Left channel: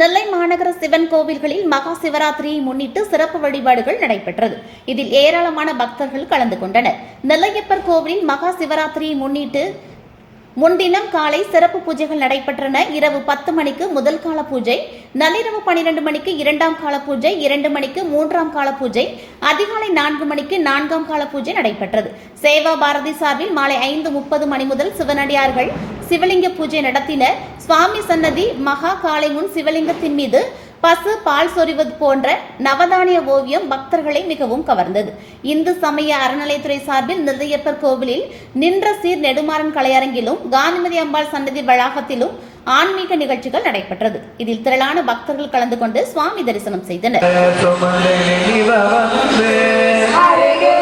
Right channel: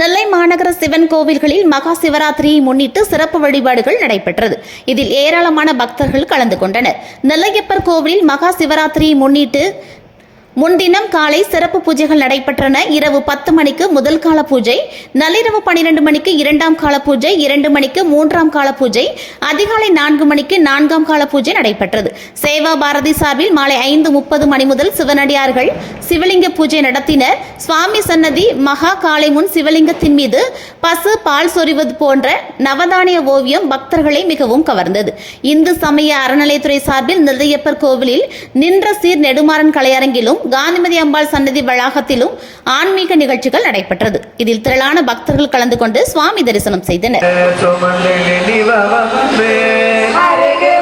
நெல்லை மாநகர சிவன் கோவில்களில் மகா சிவராத்திரியை முன்னிட்டு சிறப்பு வழிபாடுகள் நடைபெற்றது. இதில் ஏராளமான பக்தர்கள் கலந்து கொண்டனர். நெல்லையப்பர் கோவிலில் மகா சிவராத்திரியை முன்னிட்டு முன்தினம் காலை சிறப்பு பூஜைகள் நடைபெற்றன. இரவு 10 மணிக்கு முதல் கால பூஜை, நள்ளிரவு 12 மணிக்கு 2ஆம் கால பூஜை, 2 மணிக்கு 3ஆம் கால பூஜை, அதிகாலை 4 மணிக்கு 4ஆம் கால பூஜை நடைபெற்றது. சேவா பாரதி சார்பில் மாலை 5:30 மணி முதல் சிவனடியார்கள் சிவலிங்க பூஜை நடத்தினர். சுவாமி சன்னதி மகா காலை முன் சிவலிங்கத்தின் மீது பசு பால் சொரிவது போன்ற நவதானிய ஓவியம் பக்தர்களை மிகவும் கவர்ந்தது. இந்து சமய அறநிலையத்துறை சார்பில் நெல்லையப்பர் கோவிலில் நின்ற சீர் நெடுமாறன் கலையரங்கிலும் காந்திமதி அம்பாள் சன்னதி வளாகத்திலும் ஆன்மீக நிகழ்ச்சிகள் நடைபெற்றது. இதில் திரளான பக்தர்கள் கலந்து கொண்டு சுவாமி தரிசனம் செய்தனர். அடிகள்